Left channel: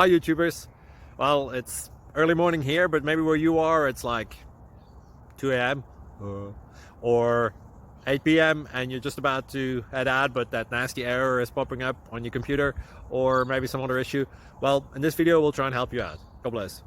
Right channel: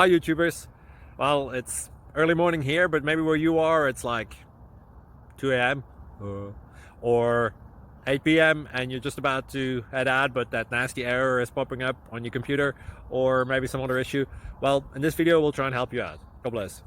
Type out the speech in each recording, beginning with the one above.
Hi YouTubers. Well, it's early morning here, but maybe where you are it's like 2 a.m. or 8 p.m. and you're just about to head out, but that nasty error is popping up on your computer, or maybe some other issue. Well, in this video we'll try and help you out. God bless.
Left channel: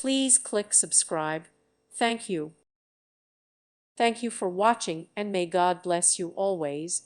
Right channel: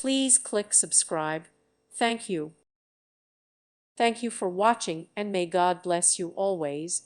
Please click subscribe. Thank you. Thank you for watching, and may God bless you always.